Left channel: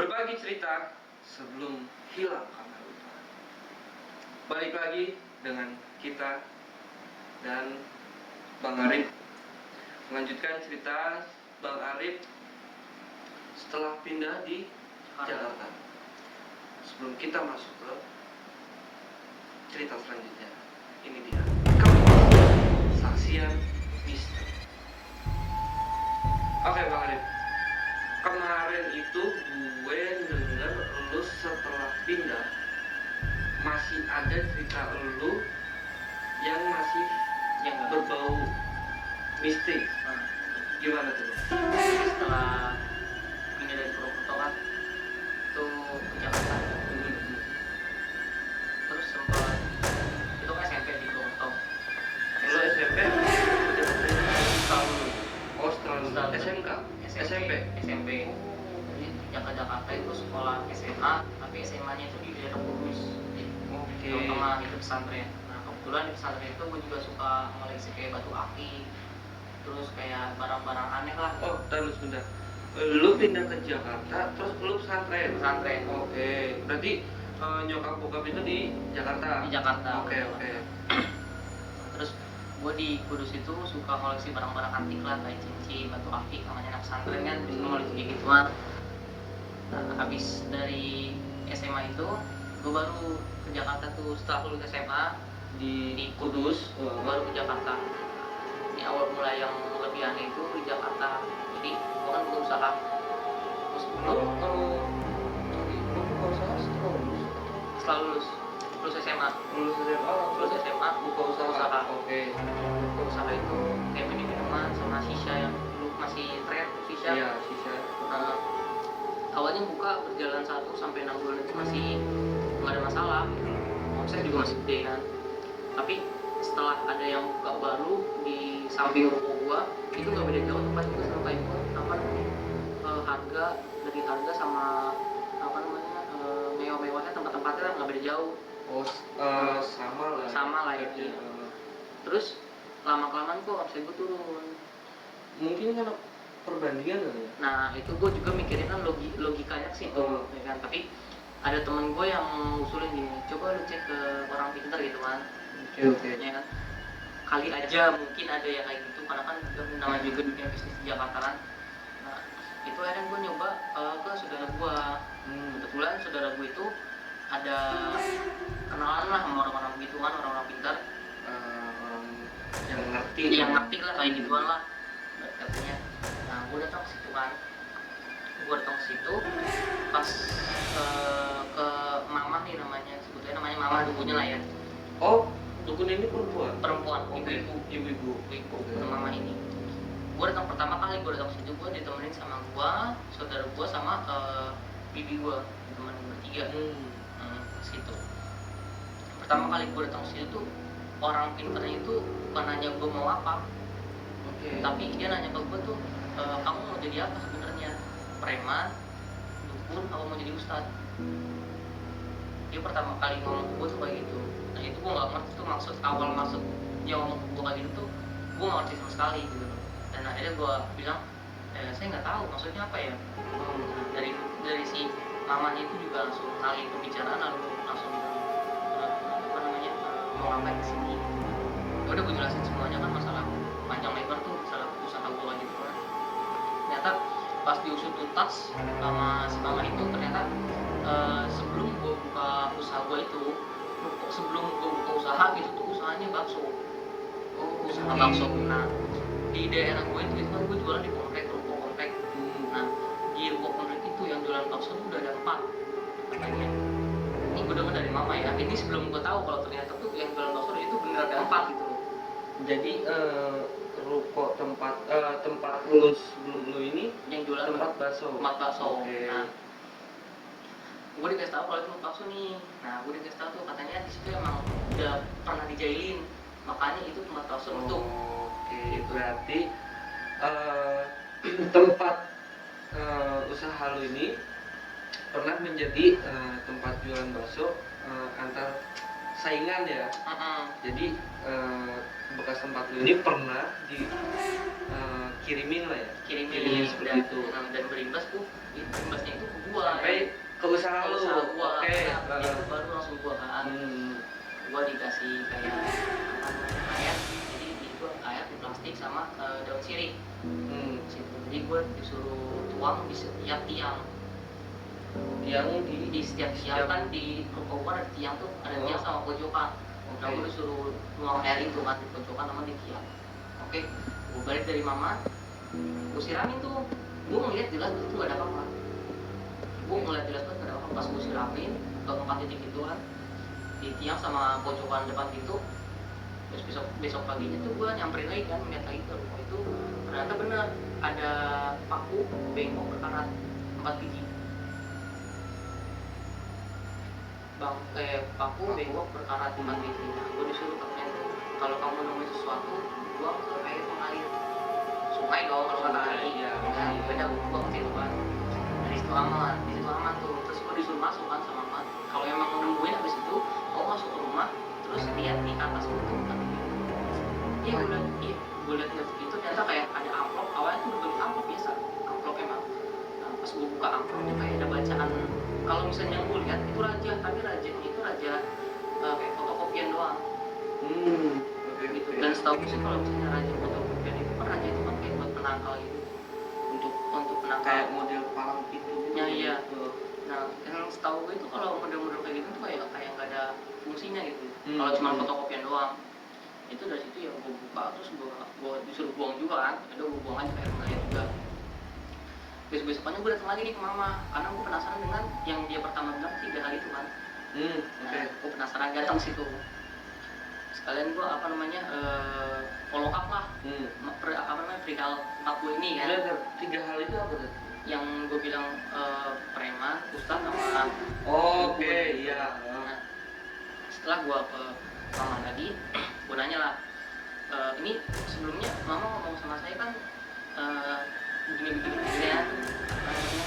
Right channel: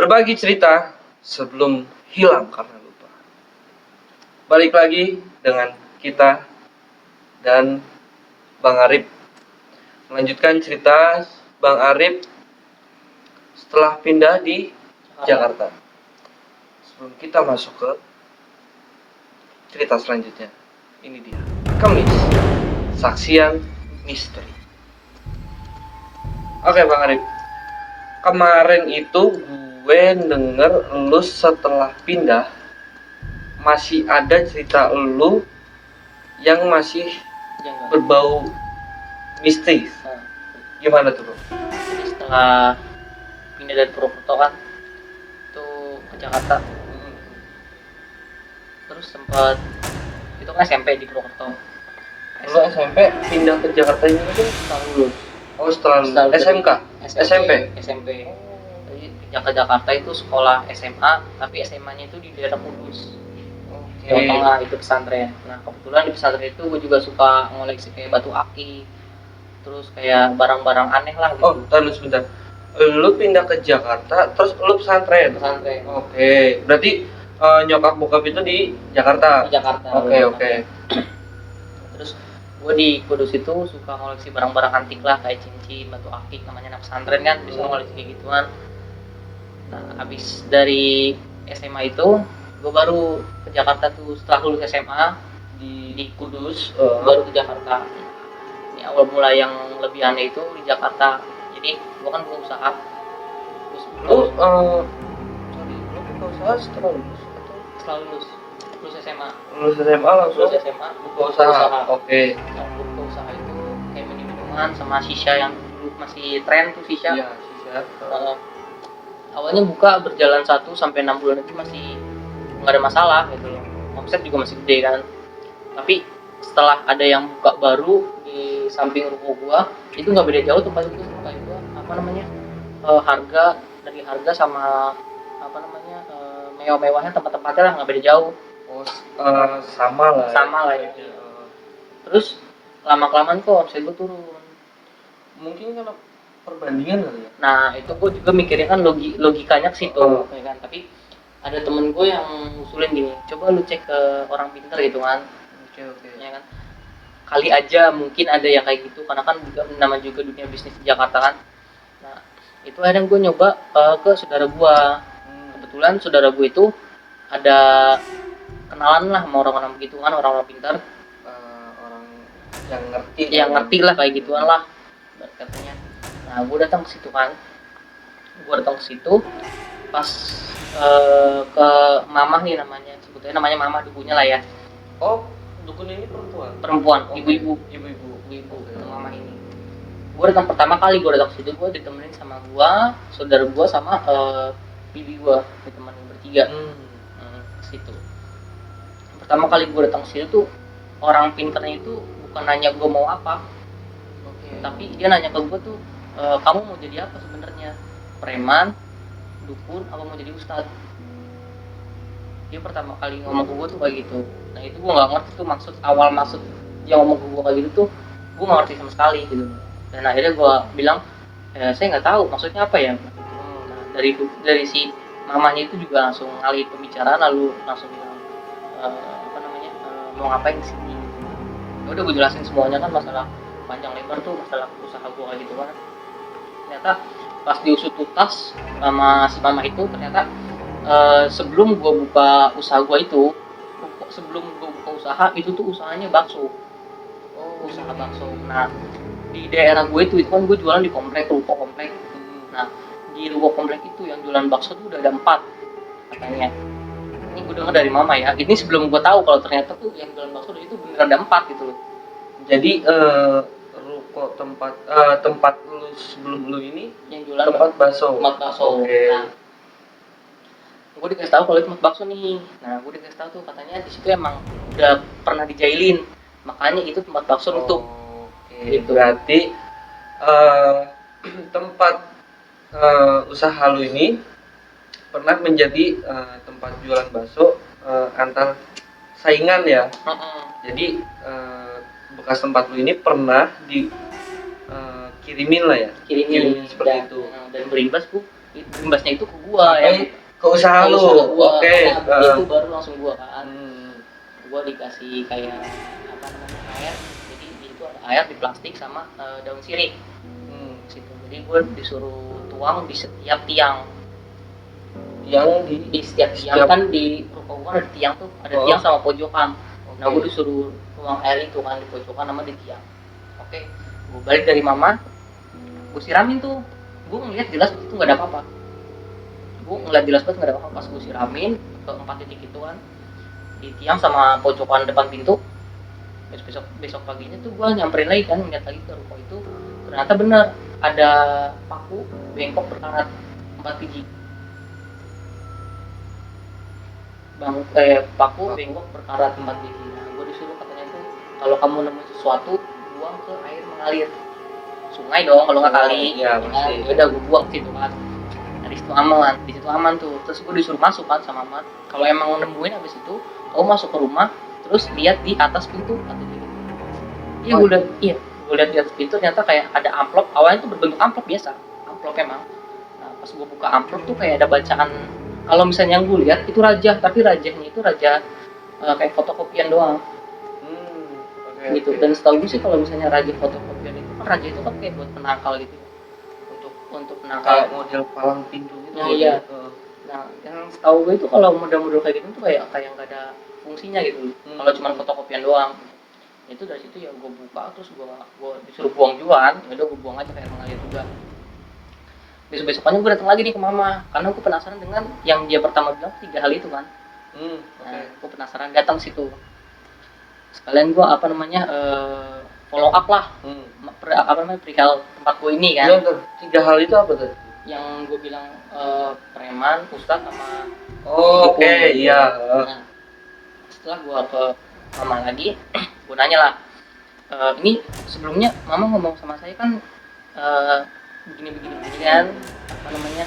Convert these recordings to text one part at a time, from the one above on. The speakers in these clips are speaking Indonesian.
Berbagi cerita sebelum hilang karena lupa. Balik lagi dengan kita dan Bang Arif. Melanjutkan cerita Bang Arif setelah pindah di Jakarta. Sebelum kita masuk ke cerita selanjutnya, ini dia Kemis, Saksian Misteri. Oke Bang Arif, kemarin itu gue denger lu setelah pindah masih ada cerita lu yang masih berbau mistis. Gimana tuh bro? Setelah pindah dari Purwokerto kan itu ke Jakarta, terus sempat itu kan SMP di Purwokerto. Lu SMP pindah ke Jakarta ini tuh tahun lu? Oh setelah lu SMK? SMP? SMP. Jadi yang ke Jakarta itu sekolah SMA, tapi SMA-nya itu di daerah Kudus. Jawa Tengah, itu pesantren. Nah kebetulan di pesantren itu gue juga suka ngoleksi kayak batu aki, terus kayak barang-barang aneh lah gitu. Oh tahan sebentar, lu pindah ke Jakarta terus lu pesantren? Pesantren. Oke, berarti nyokap bokap itu di Jakarta? Di Jakarta. Oke. Terus gue di Kudus itu suka ngoleksi barang-barang antik lah, kayak cincin, batu akik, namanya anak pesantren kan bisa ngoleksi kayak gituan. Habis dari SMA itu gue baru ke Jakarta tuh setelah lulus SMA di Kudus, baru ke Jakarta. Ini awal mula yang lebih aneh itu di Jakarta. Jadi gue kan buka usaha. Lu buka usaha setelah lulus atau Setelah lulus SMA. lulus SMA langsung Lulus SMA buka usaha? Oke. Yang buka usaha itu kayak minuman sama shisha yang dulu masih tren tuh shisha. Iya, shisha. Awalnya buka berjalan 1 sampai 6 bulan itu masih nggak ada masalah gitu loh. Omset juga masih gede kan. Tapi setelah ada yang buka baru di samping ruko gua, itu nggak beda jauh tempat itu sama kayak gua, harga sama mewah-mewahnya tempat-tempatnya lah nggak beda jauh. Oh, sama lah gitu. Terus lama-kelamaan kok omset gua turun. Mungkin kalau perbandingan kali ya. Nah itu gue juga mikirnya kan logikanya ke situ, ya kan? Tapi ada temen gue yang ngusulin gini, coba lu cek ke orang pintar gitu kan. Oke. Ya kan? Kali aja mungkin ada yang kayak gitu, karena kan juga namanya juga dunia bisnis di Jakarta kan. Nah itu kadang gue nyoba ke saudara gue. Kebetulan saudara gue itu ada kenalan lah sama orang-orang begitu kan, orang-orang pintar, Orang yang ngerti lah kayak gituan lah katanya. Nah gue datang ke situ kan, pas ke mamah nih, sebetulnya namanya mamah dukunya lah ya. Oh dukun ini perempuan? Ibu mamah ini. Gue datang pertama kali gue datang ke situ, gue ditemenin sama gue, saudara gue sama bibi gue, teman bertiga. Ke situ pertama kali gue datang ke situ tuh, orang pinternya itu bukan nanya gue mau apa, tapi dia nanya ke gue tuh, kamu mau jadi apa sebenarnya, preman, dukun, apa mau jadi ustad? Dia pertama kali ngomong ke gue tuh kayak gitu. Nah itu gue nggak ngerti tuh maksud dia ngomong ke gue kayak gitu tuh, gue nggak ngerti sama sekali gitu. Dan akhirnya gue bilang, saya nggak tahu maksudnya apa ya. Dari si mamanya itu juga langsung ngalih pembicaraan, lalu langsung mau ngapain sih? Udah gue jelasin semuanya kan, masalah panjang lebar tuh, masalah usaha gue kayak gitu kan. Ternyata pas diusut tuntas sama si mama itu, ternyata sebelum gue buka usaha gue itu, itu tuh usahanya bakso. Usaha bakso. Nah di daerah gue itu kan gue jualan di ruko komplek. Nah di ruko komplek itu yang jualan bakso tuh udah ada 4 katanya. Ini gue dengar dari mama ya. Ini sebelum gue tahu kalau ternyata tuh yang jualan bakso itu beneran ada 4 gitu loh. Jadi ruko tempat lu sebelum lu ini yang jualan tempat bakso. Oke. Nah, gue dikasih tahu kalau itu tempat bakso nih. Nah gue dikasih tahu tuh katanya di situ emang udah pernah dijailin, makanya itu tempat bakso nutup. Gitu. Berarti tempat usaha lu ini pernah menjadi tempat jualan bakso antar saingan ya. Jadi bekas tempat lu ini pernah dikirimin lah ya, kirimin seperti itu. Dan berimbas bu, imbasnya itu ke gua sampai ke usaha lu. Oke. Itu baru langsung gua kan. Gua dikasih kayak apa namanya, air. Jadi itu air di plastik sama daun sirih. Situ. Jadi gua disuruh tuang di setiap tiang. Di setiap tiang kan di rumah ada tiang tuh, ada tiang sama pojokan. Nah, gua disuruh tuang air itu kan di pojokan sama di tiang. Oke, gua balik dari mama, gua siramin tuh. Gua ngeliat jelas itu nggak ada apa-apa. Gua ngeliat jelas banget nggak ada apa-apa. Pas gua siramin ke 4 titik itu kan di tiang sama pojokan depan pintu. Besok paginya tuh gua nyamperin lagi kan, ngeliat lagi ke rumah itu. Ternyata bener ada paku bengkok berkarat 4 biji. Paku bengkok berkarat 4 biji. Gue disuruh katanya kalau kamu nemu sesuatu buang ke air mengalir, sungai dong kalau nggak kali. Ya udah gue buang ke situ kan. Di situ aman tuh. Terus gue disuruh masuk kan sama Mat. Kalau emang nemuin habis itu, kamu masuk ke rumah, terus lihat di atas pintu. Iya gue lihat di atas pintu ternyata kayak ada amplop. Awalnya tuh berbentuk amplop biasa, amplop emang. Nah, pas gue buka amplop tuh kayak ada bacaan. Kalau misalnya yang gue lihat itu raja, tapi rajanya itu raja kayak fotokopian doang. Gitu. Dan setahu gue sih kalau misalnya raja fotokopian itu, raja itu kan kayak buat penangkal gitu, untuk penangkal. Kayak model palang pintu gitu. Iya. Nah, yang setahu gue itu kalau model-model kayak gitu tuh kayak nggak ada fungsinya gitu. Kalau cuma fotokopian doang. Itu dari situ ya gue buka, terus gue disuruh buang juga kan. Ya udah gue buang aja kayak mengalir juga. Besok-besokannya gue datang lagi nih ke mama karena gue penasaran dengan yang dia pertama bilang 3 hal itu kan. Nah, gue penasaran datang situ. Sekalian gue follow up lah. Perihal tempat gue ini kan. Iya tuh, 3 hal itu apa tuh? Yang gue bilang preman, ustadz, oke, iya. Nah, setelah gue ke mama lagi, gue nanya lah, ini sebelumnya mama ngomong sama saya kan begini-begini kan, namanya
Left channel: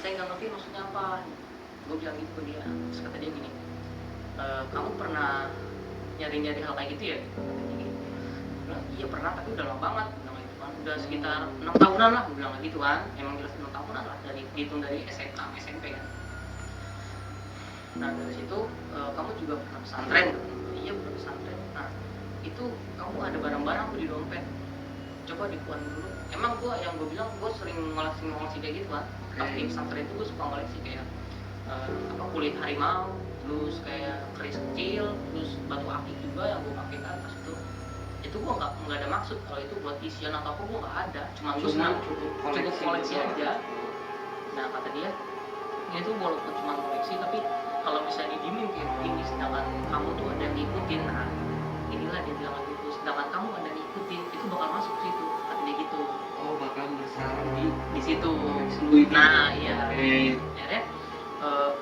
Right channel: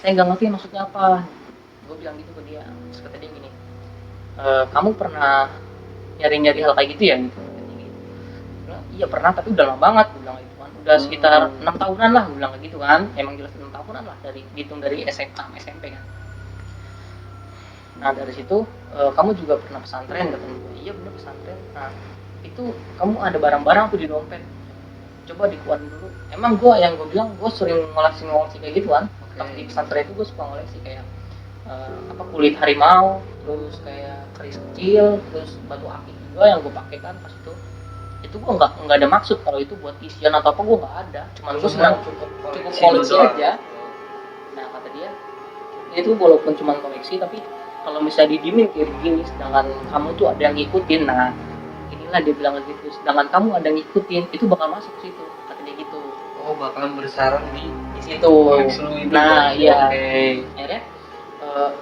saya nggak ngerti maksudnya apa. Gue bilang gitu ke dia. Terus kata dia gini, kamu pernah nyari-nyari hal kayak gitu ya? Gitu. Iya pernah, tapi udah lama banget. Gue bilang gitu. Udah sekitar 6 tahunan lah, gue bilang gitu kan. Emang jelas 6 tahunan lah dari SMA SMP kan. Nah dari situ kamu juga pernah pesantren kan? Iya bener pesantren. Nah itu kamu ada barang-barang tuh di dompet, coba dikeluarin dulu. Emang gue bilang gue sering ngoleksi kayak gitu kan. Pas di pesantren itu gue suka ngoleksi kayak kulit harimau, terus kayak keris kecil, terus batu akik juga yang gue pakai kan pas itu gue nggak ada maksud kalau itu buat isian atau apa, gue nggak ada, cuman gue senang cukup koleksi aja. Nah kata dia itu walaupun cuma koleksi tapi kalau bisa didiemin kayak begini, sedangkan kamu tuh ada yang ngikutin. Nah inilah dia bilang gitu, sedangkan kamu ada yang ngikutin itu bakal masuk ke situ, kata dia gitu. Oh bakalan bersarang di situ. Nah iya. Akhirnya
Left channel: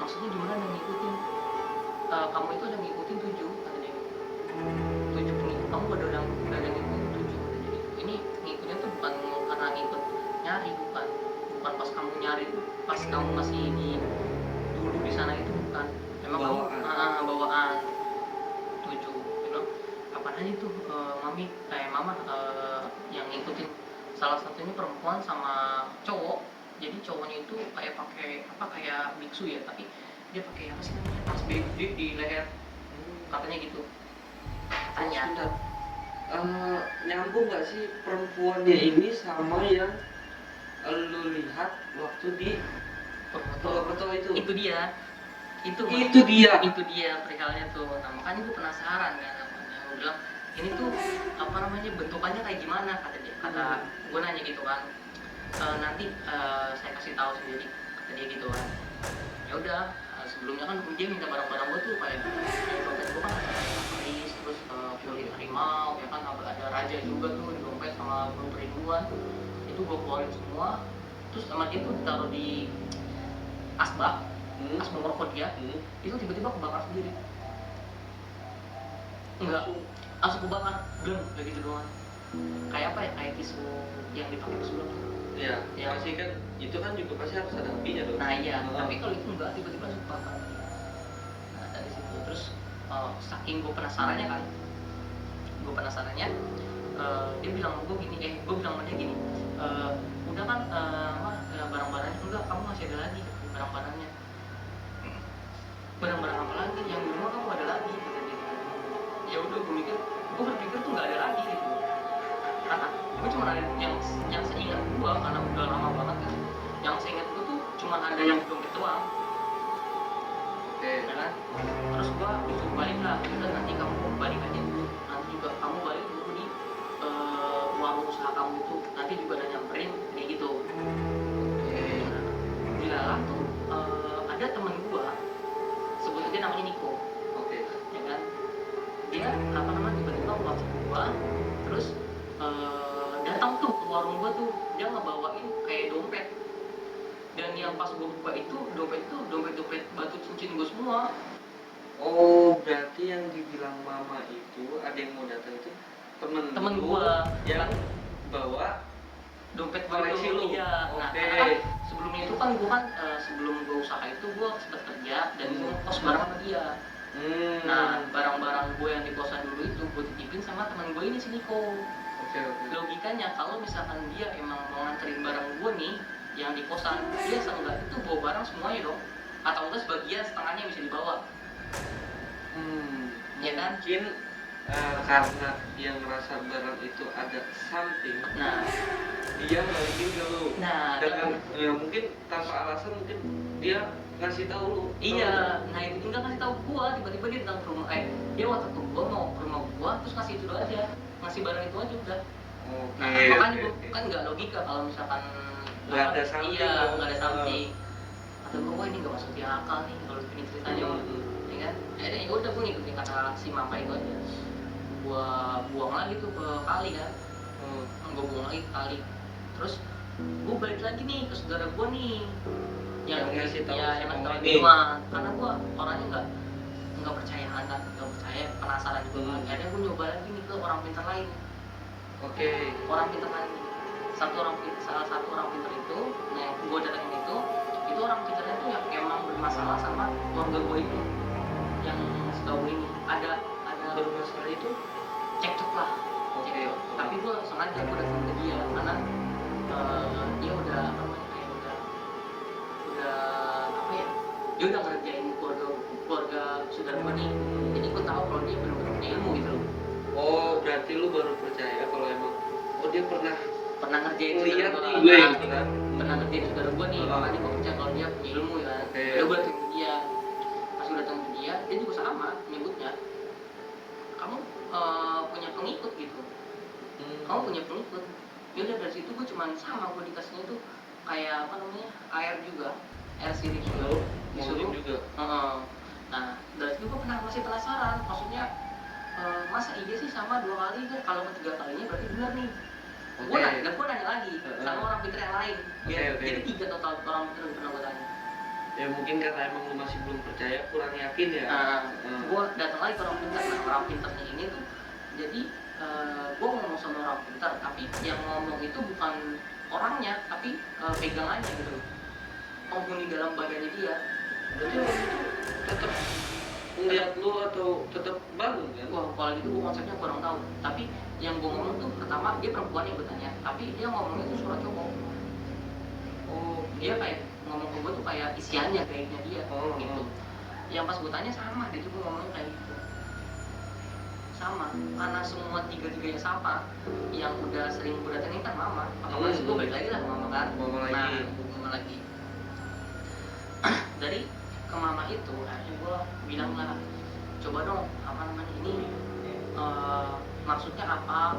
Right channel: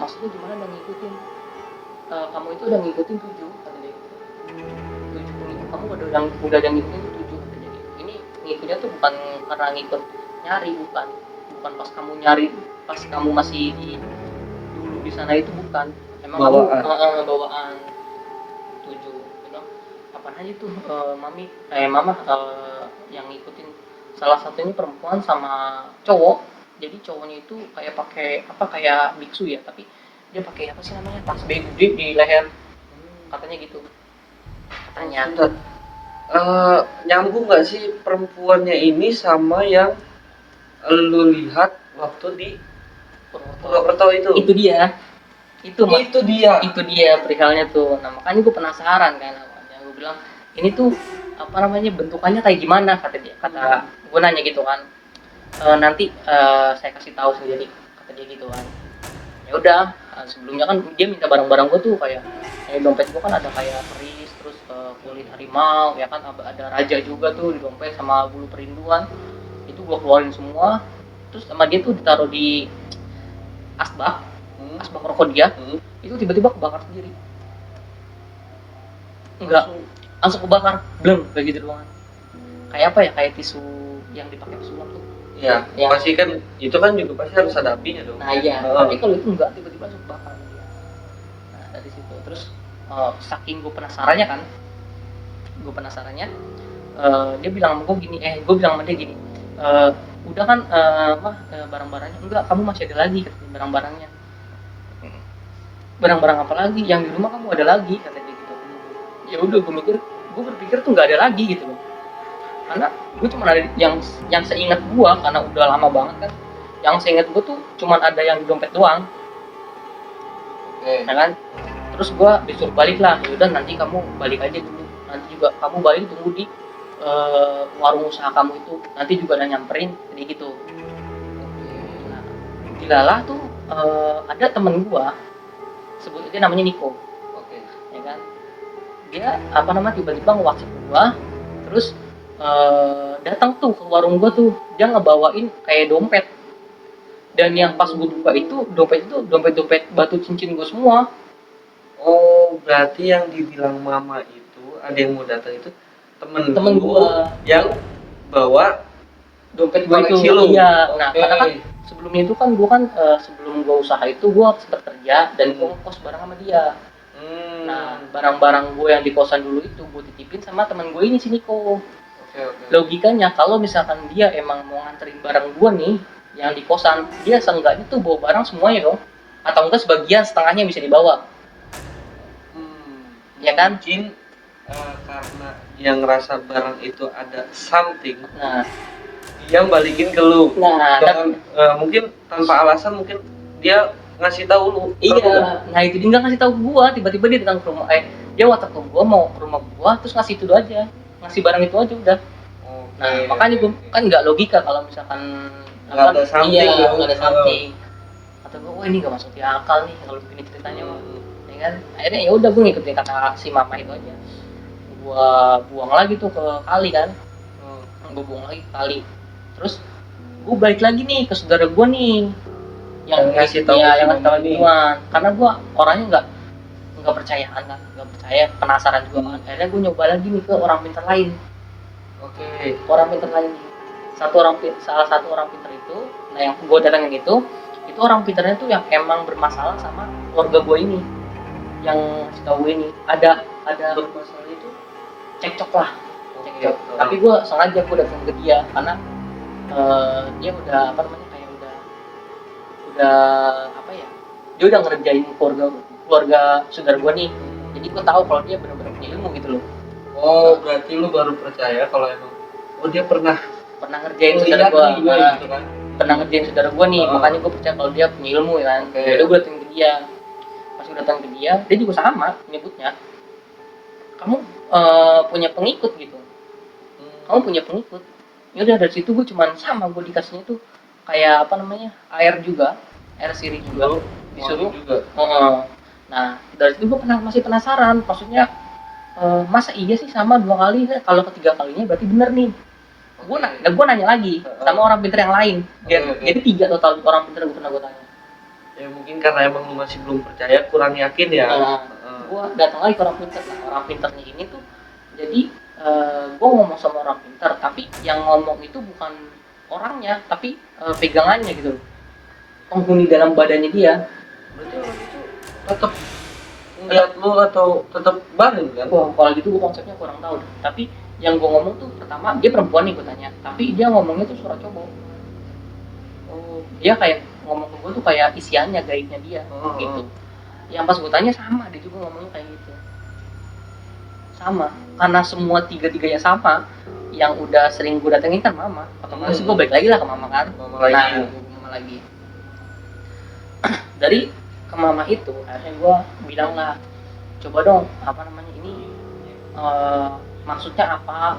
maksudnya gimana yang ngikutin? Kamu itu udah ngikutin 7, kata dia. 7 kamu udah ada yang ngikutin 7. Ini ngikutnya tuh bukan karena ngikut nyari, bukan pas kamu nyari, pas kamu masih dulu di sana itu bukan. Emang bawaan 7. Bilang kapan aja tuh mama yang ngikutin. Salah satunya perempuan sama cowok. Jadi cowoknya itu kayak biksu ya, tapi dia pakai apa sih namanya, tas gede di leher, katanya gitu. Ternyata nyambung nggak sih perempuannya ini sama yang lu lihat waktu di Purwokerto itu? Itu dia perihalnya tuh. Nah makanya gue penasaran kan, gue bilang ini tuh bentukannya kayak gimana, kata gue nanya gitu kan. Nanti saya kasih tahu sendiri, kata dia gitu kan. Ya udah, sebelumnya kan dia minta barang-barang gue tuh kayak dompet gue kan ada kayak keris, terus kulit harimau ya kan, ada raja juga tuh di dompet sama bulu perinduan. Itu gue keluarin semua, terus sama dia tuh ditaruh di asbak rokok dia. Itu tiba-tiba kebakar sendiri. Enggak, langsung kebakar, bleng, kayak gitu doang. Kayak apa ya, kayak tisu yang dipakai tisu tuh. Iya, pasti kan itu kan juga pasti harus ada apinya dong. Nah iya, tapi kalau itu enggak, tiba-tiba langsung kebakar. Nah dari situ terus saking gue penasarannya kan, dia bilang sama gue gini, gue bilang sama dia gini, udah kan barang-barangnya enggak, kamu masih ada lagi barang-barangnya. Barang-barang apa lagi? Yang di rumah kamu ada lagi, kata dia gitu. Ya udah, gue berpikir tuh nggak ada lagi gitu, karena gue cuma ada yang seingat gue, karena udah lama banget kan, yang seingat gue tuh cuma ada yang di dompet doang. Ya kan, terus gue disuruh balik lah, udah nanti kamu balik aja dulu, nanti juga kamu balik tunggu di warung usaha kamu itu, nanti juga ada nyamperin kayak gitu. Dilalah tuh ada temen gue, sebut dia namanya Niko. Ya kan, dia apa namanya tiba-tiba nge-WhatsApp gue, terus datang tuh ke warung gue tuh, dia ngebawain kayak dompet. Dan yang pas gue buka itu dompet batu cincin gue semua. Oh, berarti yang dibilang mama itu ada yang mau datang itu temen gue yang bawa dompet gue itu. Iya. Nah, karena kan sebelumnya itu kan gue kan sebelum gue usaha itu gue sempat kerja dan gue ngekos bareng sama dia. Nah, barang-barang gue yang di kosan dulu itu gue titipin sama temen gue ini, si Niko. Logikanya kalau misalkan dia emang mau nganterin barang gue nih yang di kosan, dia seenggaknya tuh bawa barang semuanya dong, atau enggak sebagian, setengahnya bisa dibawa. Ya kan? Mungkin karena dia ngerasa barang itu ada something, nah dia balikin ke lu. Nah, dengan mungkin tanpa alasan, mungkin dia ngasih tahu lu. Iya, nah itu dia nggak ngasih tahu gua, tiba-tiba dia datang ke rumah, dia WhatsApp ke gua mau ke rumah gua, terus ngasih itu aja, ngasih barang itu aja udah. Nah, makanya gua kan nggak logika kalau misalkan nggak ada something. Iya, nggak ada something. Atau gua, ini nggak masuk di akal nih kalau begini ceritanya. Ya kan, akhirnya ya udah gua ngikutin kata si mama itu aja. Gua buang lagi tuh ke kali kan, gua buang lagi ke kali. Terus gua balik lagi nih ke saudara gua nih, yang ngasih tahu ya, yang ngasih tahu gituan, karena gue orangnya nggak percaya kan, nggak percaya, penasaran juga kan. Akhirnya gue nyoba lagi nih ke orang pintar lain. Orang pintar lain, salah satu orang pintar itu, nah yang gue datangin itu orang pintarnya tuh yang emang bermasalah sama keluarga gue ini, yang setahu gue ini ada bermasalah itu, cekcok lah, cekcok. Tapi gue sengaja gue datang ke dia karena dia udah apa namanya, dia udah ngerjain keluarga saudara gue nih, jadi gue tahu kalau dia benar-benar punya ilmu gitu loh. Oh, berarti lu baru percaya kalau emang dia pernah ngerjain saudara gue, pernah ngerjain saudara gue nih, makanya gue percaya kalau dia punya ilmu ya kan. Jadi gue datang ke dia, pas datang ke dia juga sama nyebutnya, kamu punya pengikut gitu, kamu punya pengikut. Ya udah, dari situ gue cuman sama, gue dikasihnya tuh kayak apa namanya, air sirih juga disuruh. Nah, dari situ gue masih penasaran, maksudnya masa iya sih sama 2 kali, kalau ketiga kalinya berarti bener nih. Gue nanya lagi sama orang pintar yang lain. Jadi 3 total orang pintar gue pernah gue tanya. Ya mungkin karena emang lu masih belum percaya, kurang yakin ya. Gue datang lagi ke orang pintarnya ini tuh. Jadi gue ngomong sama orang pintar, tapi yang ngomong itu bukan orangnya, tapi pegangannya gitu, penghuni dalam badannya dia. Berarti tetap ngeliat lu atau tetap bareng kan? Kalau gitu gue konsepnya kurang tahu. Tapi yang gue ngomong tuh pertama, dia perempuan nih gue tanya, tapi dia ngomongnya tuh suara cowok. Dia kayak ngomong ke gue tuh kayak isiannya, gaibnya dia gitu. Yang pas gue tanya sama, dia juga ngomongnya kayak gitu. Sama, karena semua tiga-tiganya sama, yang udah sering gue datengin kan mama. Terus gue balik lagi lah ke mama kan. Mama lagi. Dari ke mama itu, akhirnya gue bilang lah, coba dong, apa namanya ini, maksudnya apa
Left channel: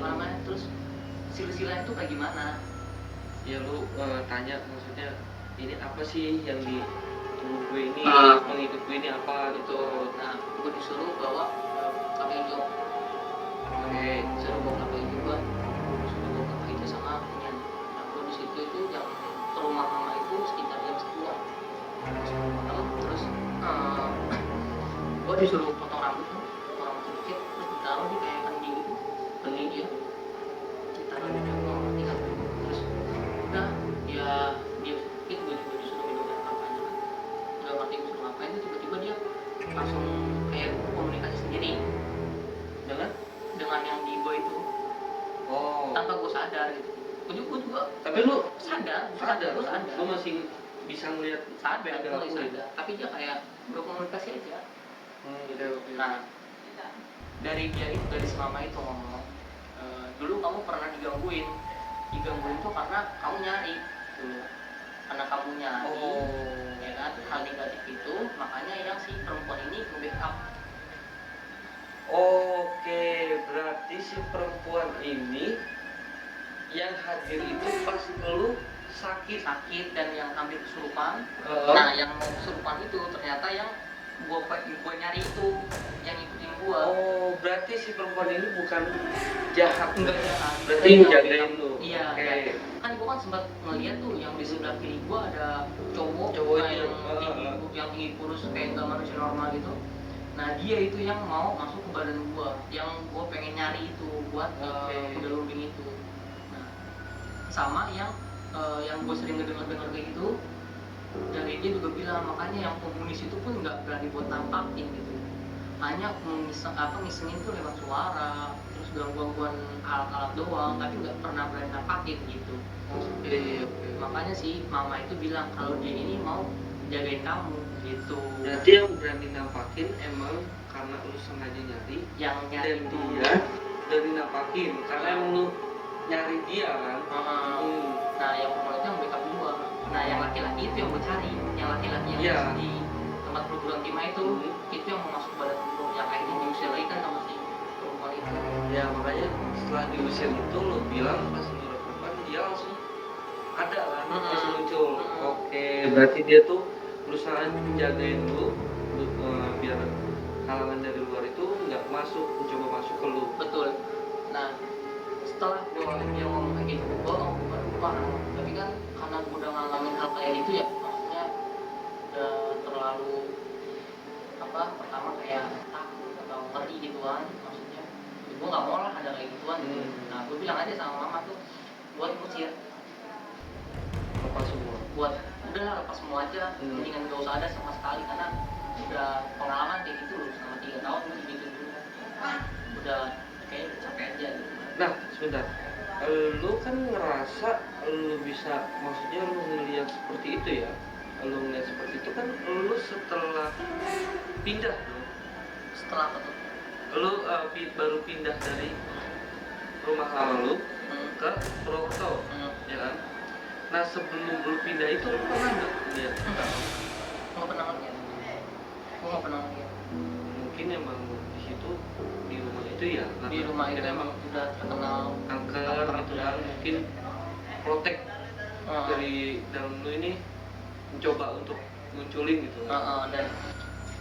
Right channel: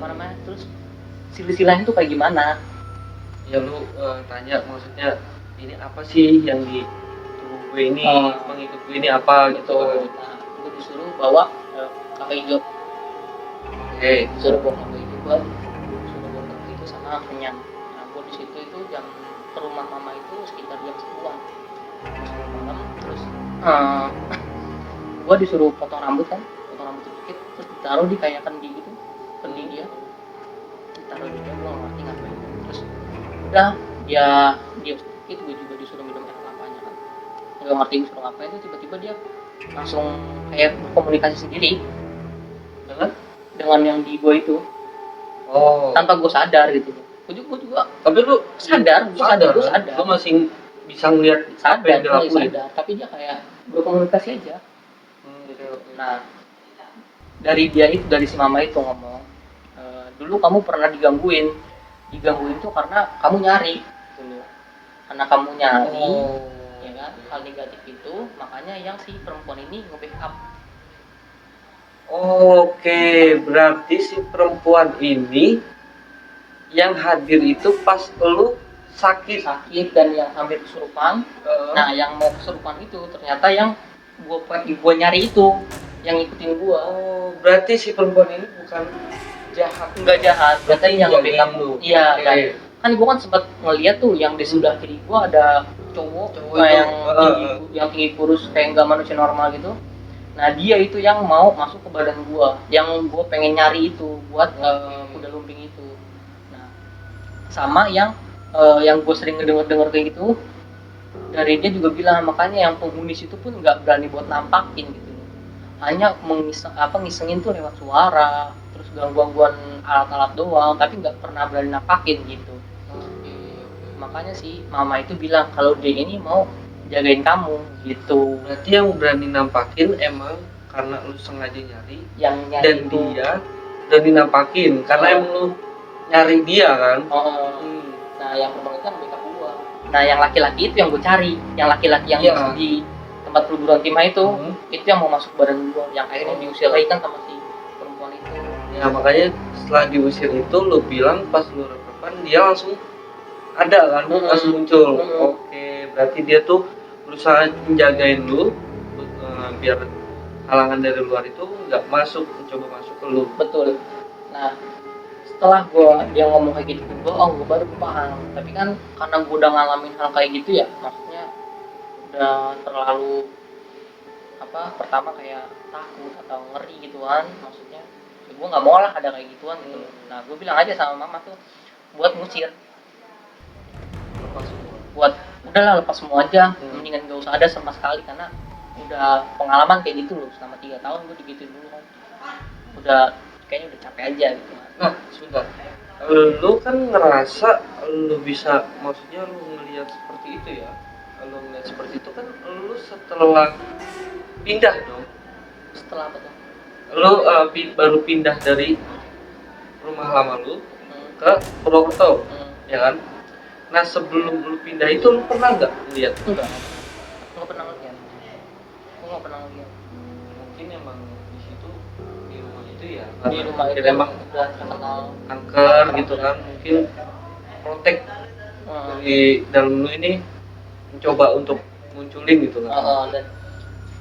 namanya, terus silsilahnya itu kayak gimana? Ya lu tanya maksudnya ini apa sih yang di tubuh gue ini, pengikut gue ini apa gitu. Nah, gue disuruh bawa kelapa hijau. Disuruh bawa kelapa hijau, itu sama minyak. Nah, gue di situ itu yang ke rumah mama itu sekitar jam 10-an. Terus gue disuruh potong rambut kan, sedikit, terus ditaruh di kayak kendi gitu, kendi dia. Ditaruh di kendi, gue ngerti kan. Terus udah dia sedikit, gue disuruh minum apa-apa. Nggak ngerti gue suruh apa itu, tiba-tiba dia langsung kayak komunikasi sendiri dengan yang di gue itu. Tanpa gue sadar gitu. Jadi gue juga Tapi lu sadar, gue sadar. Lu masih bisa ngeliat apa yang dia lakuin. Sadar, tapi dia kayak berkomunikasi aja. Gitu. Nah, dari si mama itu ngomong, dulu kamu pernah digangguin tuh karena kamu nyari dulu, karena kamu nyari, ya kan, hal negatif itu, makanya yang si perempuan ini nge-backup. Oke, berarti si perempuan ini yang hadir itu pas lu sakit dan yang hampir kesurupan. Nah, yang mau kesurupan itu ternyata yang gua nyari itu, yang ngikutin gua. Oh, berarti si perempuan ini bukan jahat. Enggak jahat, berarti yang jagain lu. Iya, Okay. Kan gua kan sempat ngeliat tuh yang di sebelah kiri gua ada cowok yang tinggi kurus kayak nggak manusia normal gitu. Nah, dia itu yang mau masuk ke badan gua, yang gua pengen nyari itu buat kuda lumping itu. Nah, sama yang gue sering ngedenger kayak gitu, dari dia juga bilang makanya yang pengemis itu tuh nggak berani buat nampakin gitu, hanya ngisengin tuh lewat suara, terus gangguan alat-alat doang, tapi nggak pernah berani nampakin gitu. Makanya sih mama itu bilang kalau dia ini mau jagain kamu gitu. Berarti yang berani nampakin emang karena lu sengaja nyari, yang nyari dan itu. dia berani nampakin karena emang lu nyari dia kan. Nah, yang perempuan itu yang gua. Nah, yang laki-laki itu yang gue cari, yang laki-laki yang di tempat perguruan timah itu yang mau masuk bareng gua, yang akhirnya diusir lagi kan sama si perempuan itu. Nah, makanya setelah diusir itu lu bilang pas lu rekopan dia langsung ada kan, langsung muncul. Oke, berarti dia tuh berusaha menjagain lu biar halangan dari luar itu nggak mencoba masuk ke lu. Betul. Nah, setelah dia ngomong kayak gitu, gue baru paham. Tapi kan karena gue udah ngalamin hal kayak gitu ya, maksudnya udah terlalu pertama kayak takut atau ngeri gituan, maksudnya gue nggak mau lah ada kayak gituan gitu. Nah, gue bilang aja sama mama tuh buat ngusir, buat udahlah lepas semua aja, mendingan gak usah ada sama sekali, karena udah pengalaman kayak gitu loh selama 3 tahun gue gitu dulu kan, udah kayaknya udah capek aja gitu. Nah, sudah. Lu kan ngerasa lu bisa, maksudnya lu ngelihat seperti itu ya. Lu ngelihat seperti itu kan lu setelah pindah dong. Setelah apa tuh? Lu baru pindah dari rumah lama lu ke Purwokerto, ya kan? Nah, sebelum lu pindah itu lu pernah nggak lihat? Enggak pernah ngeliat. Mungkin emang di situ, di rumah itu ya. Di rumah itu emang udah terkenal angker gitu kan, mungkin protek dari dalam lu ini mencoba untuk munculin gitu kan. Dan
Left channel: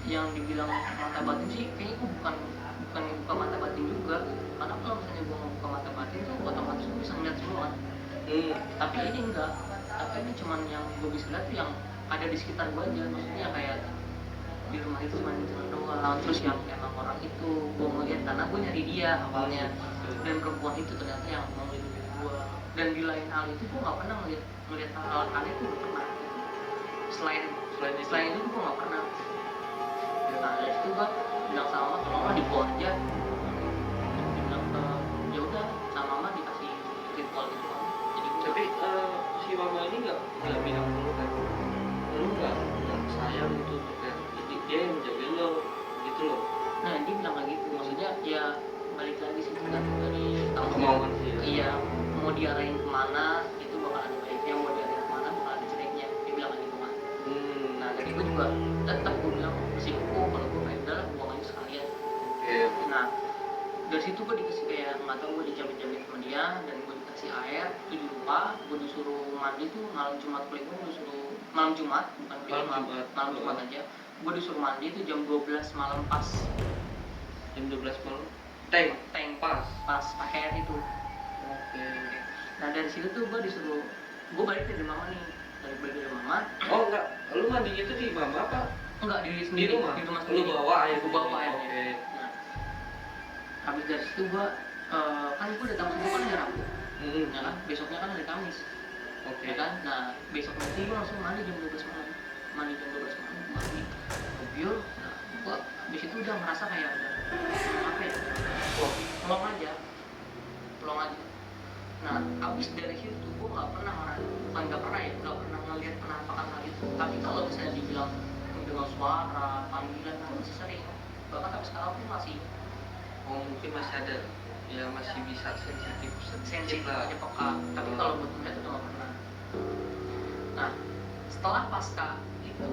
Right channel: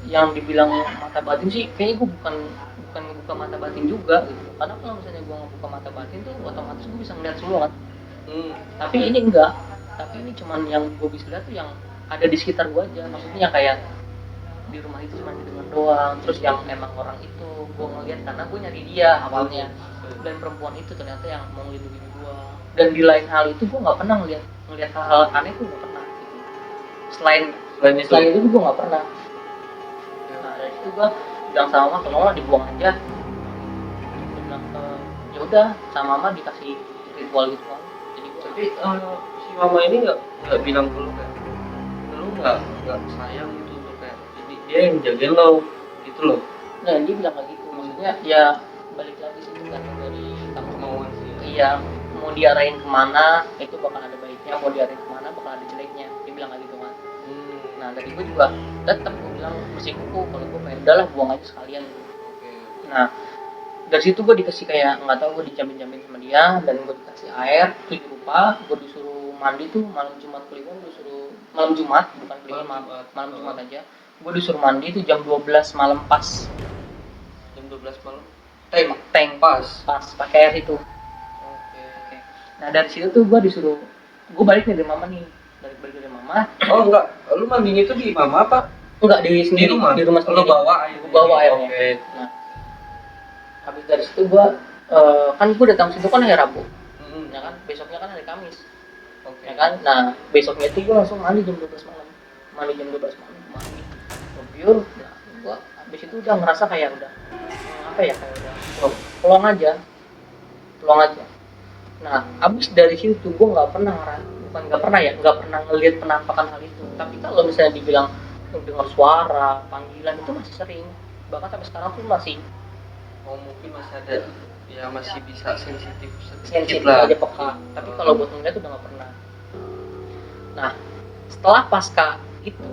yang dibilang mata batin sih kayaknya gue bukan buka mata batin juga gitu. Karena kalau misalnya gue buka mata batin tuh otomatis gue bisa ngeliat semua kan. Tapi ini enggak, tapi ini cuman yang gue bisa lihat tuh yang ada di sekitar gue aja, maksudnya yang kayak di rumah itu cuma gitu doang. Terus yang emang orang itu gue ngeliat karena gue nyari dia awalnya, dan perempuan itu ternyata yang mau melindungi gue. Dan di lain hal itu gue nggak pernah ngeliat hal aneh tuh nggak pernah. Selain itu gue nggak pernah. Nah, dari itu gue bilang sama mama kalau dibuang aja. Ya udah, sama mama dikasih ritual gitu kan. Tapi si mama ini nggak bilang dulu kan, lu nggak sayang gitu, kayak dia yang jagain lo gitu loh. Nah, dia bilang kayak gitu, maksudnya ya balik lagi sih kan dari kemauan sih. Iya, mau diarahin kemana itu bakal ada baiknya, mau diarahin kemana bakal ada jeleknya, dia bilang kayak gitu kan. Nah, dari itu juga tetap gue bilang musikku kalau gue kayak udahlah buang aja sekalian. Nah, dari situ gue dikasih kayak nggak tahu, gue dijamin sama dia, dan gue dikasih air 7 rupa, gue disuruh mandi tuh malam Jumat Kliwon, gue disuruh malam Jumat bukan malam Jumat aja, gue disuruh mandi tuh jam 12 malam pas. Jam 12 malam tank pas pakai air itu. Nah, dari situ tuh gue disuruh, gue balik dari mama nih, balik dari mama. Oh enggak, lu mandinya itu di mama apa? Enggak, di rumah sendiri. Lu bawa air? Gue bawa airnya. Nah, habis dari situ gue kan gue datang situ kan hari Rabu, ya kan, besoknya kan hari Kamis, ya kan. Nah, besoknya itu gue langsung mandi jam 12 malam, mandi biur. Gue habis itu udah ngerasa kayak udah apa ya, pulang aja. Nah, abis dari situ gue nggak pernah bukan nggak pernah ya, nggak pernah ngelihat penampakan hal itu. Tapi kalau misalnya dibilang dengar suara, panggilan itu masih sering. Bahkan sampai sekarang tuh masih mungkin masih ada, ya masih bisa sensitif sensitif lah. aja peka. Tapi kalau buat ngeliat udah nggak pernah. Nah, setelah pasca itu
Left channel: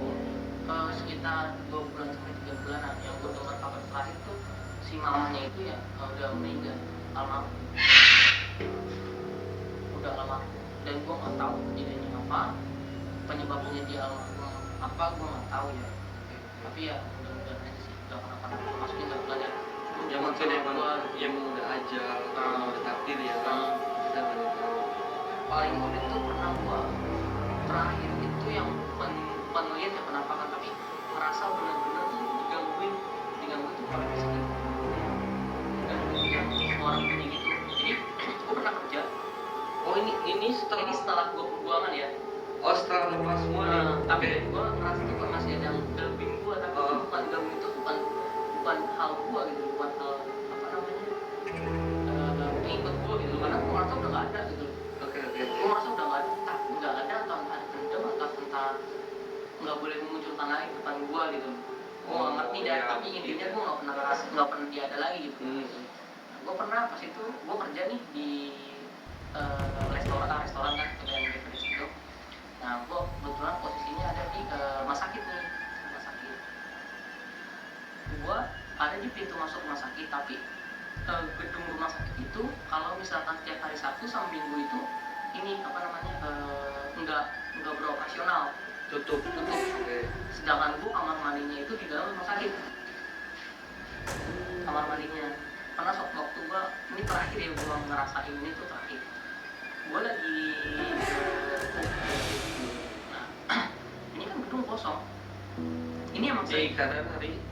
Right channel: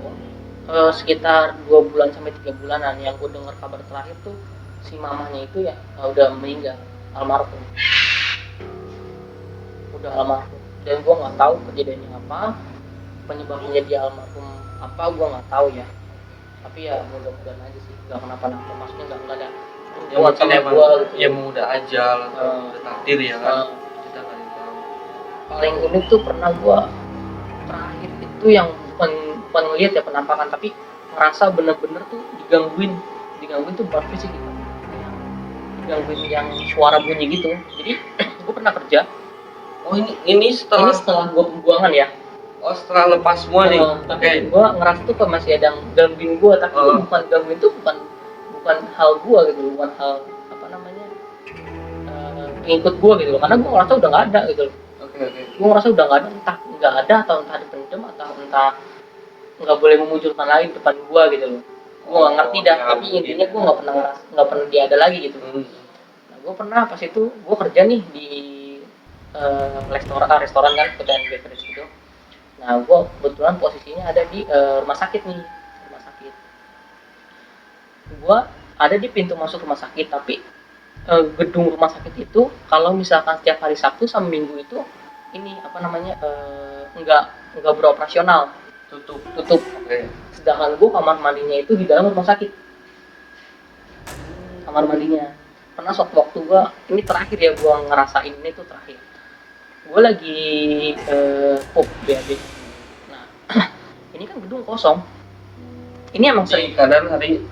sekitar 2 bulan sampai 3 bulanan yang gue dengar kabar terakhir tuh si mamanya itu ya udah meninggal, almarhum. Udah almarhum. Dan gue nggak tahu kejadiannya apa, penyebabnya dia almarhum apa gue nggak tahu ya. Tapi ya mudah-mudahan aja sih nggak kenapa-napa, maksudnya nggak ada Ya mungkin emang gitu. ya udah ajal atau takdir ya kan. Paling unik tuh pernah gue terakhir itu yang bukan ngeliat ya penampakan, tapi ngerasa bener-bener tuh digangguin tuh berarti sih gitu, digangguin yang suara bunyi gitu. Jadi gue pernah kerja. Ini setelah gue pembuangan ya. Setelah lepas semua nih. Tapi gue ngerasa tuh kayak masih ada yang gangguin gue, tapi bukan gangguin tuh bukan hal gue gitu, bukan hal apa namanya pengikut gue gitu, karena gue ngerasa udah nggak ada gitu. Gue ngerasa udah nggak ada, entah nggak ada atau entah dipendam atau entah nggak boleh memunculkan lagi di depan gue gitu. Gue nggak ngerti dah, tapi intinya gue nggak pernah dia ada lagi gitu. Gue pernah pas itu gue kerja nih di restoran kan, kedai beverage gitu. Nah, gue kebetulan posisinya ada di rumah sakit nih. Gue ada di pintu masuk rumah sakit, tapi gedung rumah sakit itu kalau misalkan setiap hari Sabtu sama Minggu itu ini apa namanya nggak beroperasional, tutup. Sedangkan gue kamar mandinya itu di dalam rumah sakit, kamar mandinya. Karena waktu gue ini terakhir ya gue ngerasain ini tuh terakhir. Gue lagi pup BAB. Nah, ini kan gedung kosong. Ini emang sering keadaan hari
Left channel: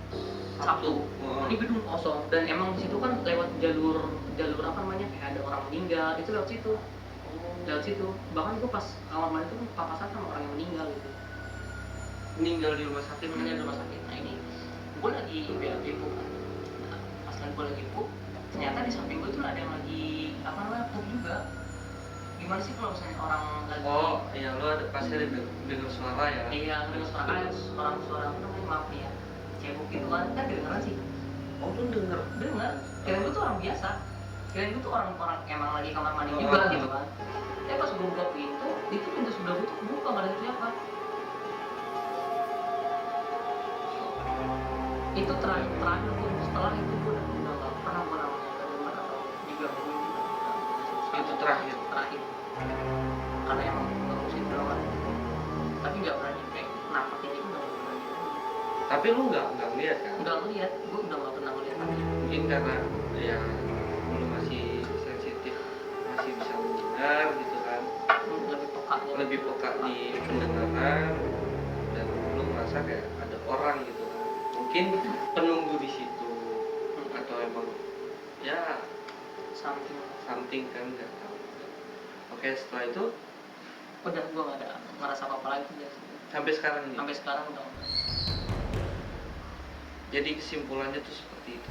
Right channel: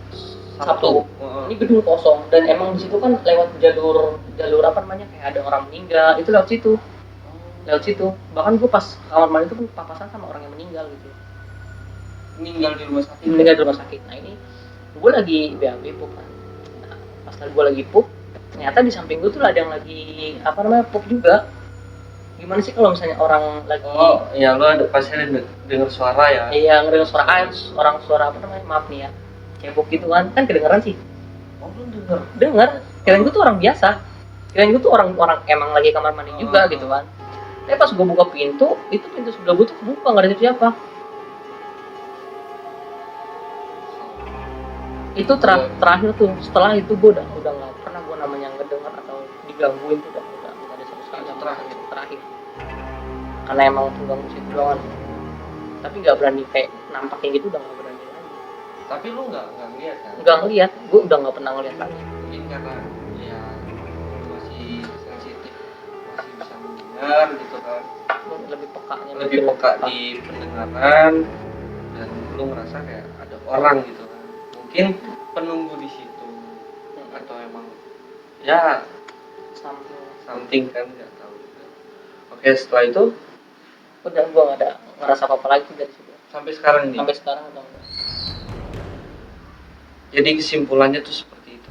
Sabtu. Ini gedung kosong dan emang di situ kan lewat jalur apa namanya kayak ada orang meninggal itu lewat situ. Bahkan gue pas kamar mandi itu papasan sama orang yang meninggal gitu. Meninggal di rumah sakit. Nah ini gue lagi BAB pup. Nah, pas gue lagi pup, ternyata di samping gue tuh ada yang lagi apa namanya pup juga. Gimana sih kalau misalnya orang lagi ya lo ada pasti dengar suara ya. Iya, ngedengar suara air, suara apa namanya, maaf nih ya, cebok gitu kan kedengeran sih. Lu dengar kirain gue tuh orang biasa, kirain gue tuh orang emang lagi kamar mandi juga gitu kan. Tapi pas gue buka pintu, itu pintu sebelah gue tuh kebuka, nggak ada siapa. Itu terakhir tuh, setelah itu gue udah nggak pernah gue namanya ngedengar atau digangguin tuh udah itu terakhir karena emang ganggu situ doang. Tapi nggak berani kayak nampakin gitu, udah nggak berani. Tapi lu nggak ngeliat kan? Nggak ngeliat, gue udah nggak pernah ngeliat lagi. Mungkin karena ya lu masih sensitif, masih bisa mendengar gitu kan, lebih peka di pendengaran, dan lu merasa kayak ada orang gitu kan. Mungkin penunggu di situ atau emang ya something kan, nggak tahu. Oke, setelah itu udah gue nggak ada ngerasa apa-apa lagi dari situ. Sampai sekarang nih. Sampai sekarang udah. Jadi kesimpulannya tuh seperti itu.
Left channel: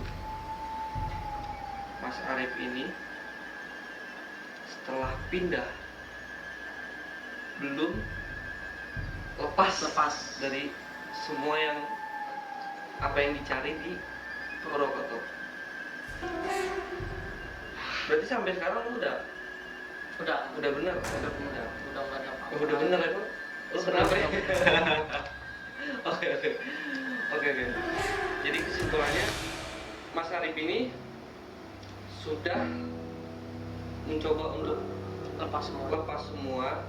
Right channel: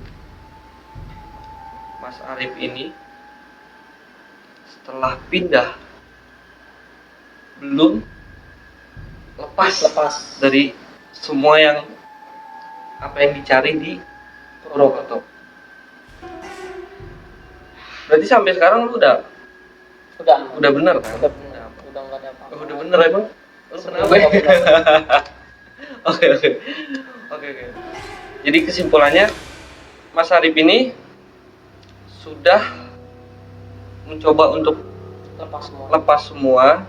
Mas Arif ini setelah pindah belum lepas dari semua yang apa yang dicari di Purwokerto. Berarti sampai sekarang lu udah bener kan? Udah nggak ada apa-apa. Udah bener emang? Lu kenapa? Oke. Jadi kesimpulannya, Mas Arif ini sudah mencoba untuk lepas semua,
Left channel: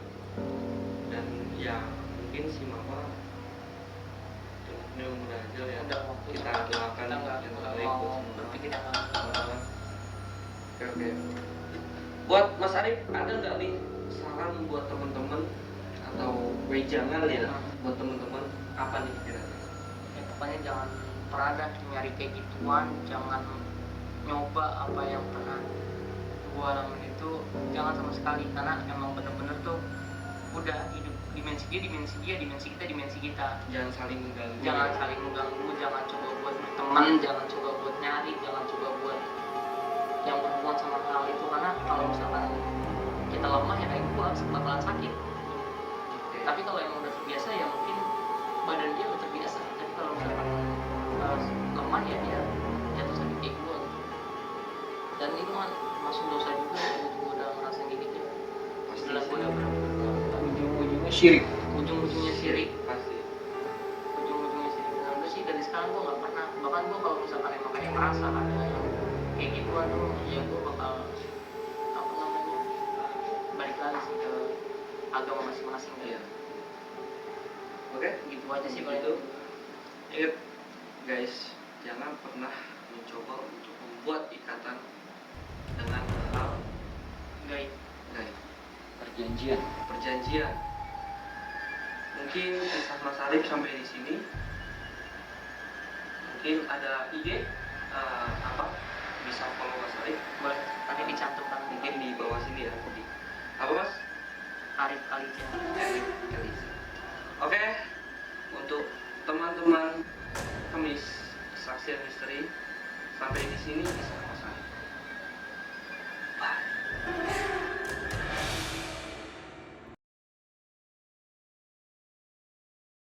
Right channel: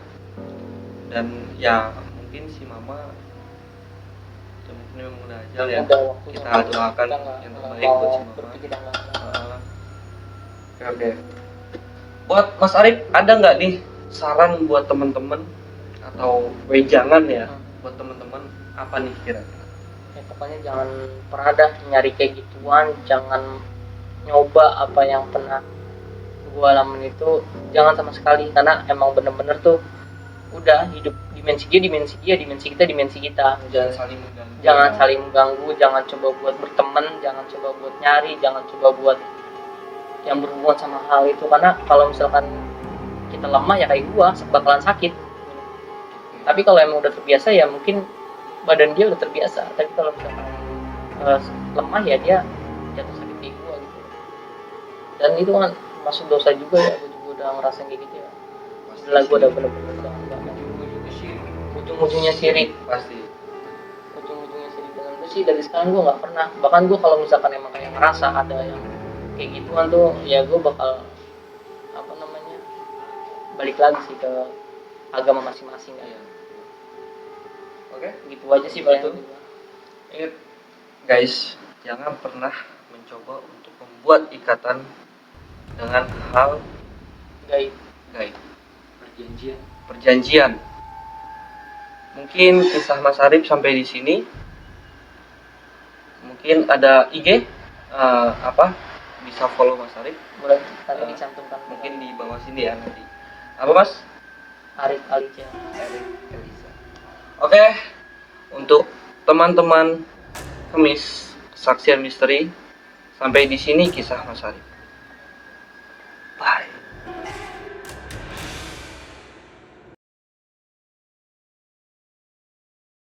dan ya mungkin si mama temennya udah jalan ya. Kita doakan yang terbaik buat si mama. Oke. Buat Mas Arif ada nggak nih saran buat teman-teman atau wejangan ya buat teman-teman, apa nih kira? Ya, pokoknya jangan pernah dah nyari kayak gituan, jangan nyoba apa yang pernah gue alamin itu, jangan sama sekali, karena emang bener-bener tuh udah hidup dimensi dia, dimensi kita. Jangan saling mengganggu, jangan coba buat berteman, jangan coba buat nyari, jangan coba buat yang berhubungan sama hal itu, karena kalau misalkan kita lemah ya kayak gua bakalan sakit. Tapi kalau emang udah terbiasa ya mungkin badan dia udah terbiasa. Tapi kalau misalkan lemah ya dia jatuh sakit kayak gua gitu. Dan itu kan masuk dosa juga ya, gua udah ngerasain kayak gitu ya. Gila gua udah bener-bener ujung-ujungnya syirik ujung-ujungnya sirik. pasti. Ujung-ujungnya sirik dengan lu sih dari sekarang gua nggak pernah. Bahkan gua kalau misalkan emang kayak ngerasa ada yang kayak gituan tuh ya gua bakal apa namanya balik lagi sih ke agama masing-masing ya. Oke, Gitu aja sih paling. ingat guys, jangan pernah mencoba untuk membuat ikatan dengan hal Gaib. gaib, Perjanjian. perjanjian. Mungkin kisah Mas Arif sampai di sini. Mungkin ada IG apa bisa follow Mas Arif, Boleh tadi dicantumkan. mungkin di bawah sini ya nanti. Apa Mas? Arif Alice. Oke, untuk teman-teman Kemis Kesaksian Misteri, sampai di sini kisah Mas Arif. Bye.